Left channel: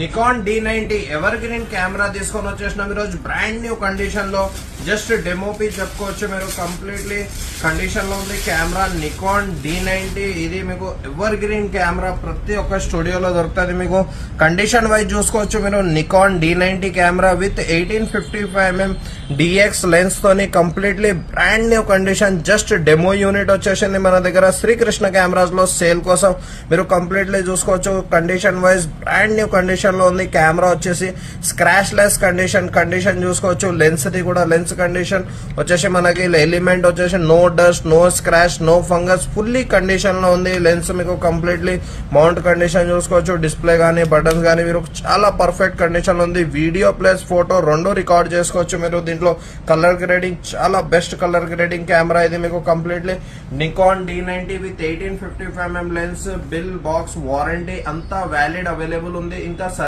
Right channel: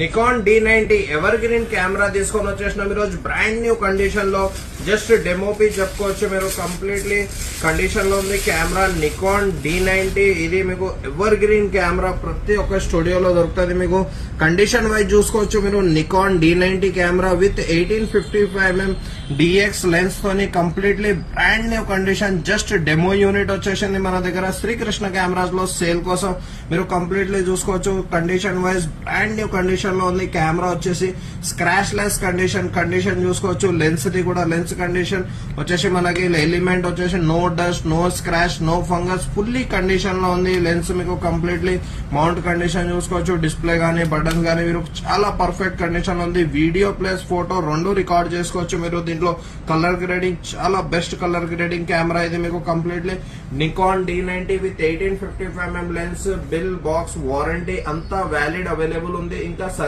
Nikon D90 ever green camera తీసుకొని వచ్చేసిన ఈరోజు బ్రాండ్ న్యూ కండిషన్ లో జస్ట్ డెమో పీస్ చెప్పుకోవచ్చు. మీరు కంప్లీట్లీ కండిషన్ లో ఉంది కెమెరా. నికాన్ D90 ఇది మీకు ఎవర్ గ్రీన్ కెమెరా ప్రతి ఒక్క స్టూడియోలో దొరుకుతుంది. మీకు కండిషన్ వైజ్ చూసుకోవచ్చు. మీరు Nikon D90 camera with 1855mm DX lens తోని completely brand new condition. Just demo unit వచ్చేసింది మన దగ్గర శ్రీకృష్ణ కెమెరాస్ లో సేల్ కోసం. మీరు కంప్లీట్లీ చూసుకోవచ్చు. Condition wise brand new condition లో ఉంది. కెమెరా వచ్చేసి స్క్రాచ్ లెస్ కండిషన్ చూసుకోవచ్చు. లెన్స్ ది కూడా లెన్స్ కండిషన్ వచ్చేసి మనకి ఎలిమెంట్ వచ్చేసి no dust, no scratch, no fungus, fully condition లో ఉంది. లెన్స్ మీకు కంప్లీట్లీ మౌంట్ కండిషన్ చూసుకోవచ్చు. డిస్ప్లే గానీ బటన్స్ గానీ మీరు చాలా పర్ఫెక్ట్ కండిషన్ లో ఉంది. వీడియో ప్లస్ ఫోటో రెండు రికార్డ్ చేసుకోవచ్చు. మీరు దీంట్లో కలర్ గ్రేడింగ్ చాలా బెస్ట్ కలర్ గ్రేడింగ్ కెమెరా ఇది. మీకు completely Nikon D90 with 1855mm lens, bill, box, warranty అంతా వ్యాలిడ్ అవైలబుల్ ఉంది. ఇంకా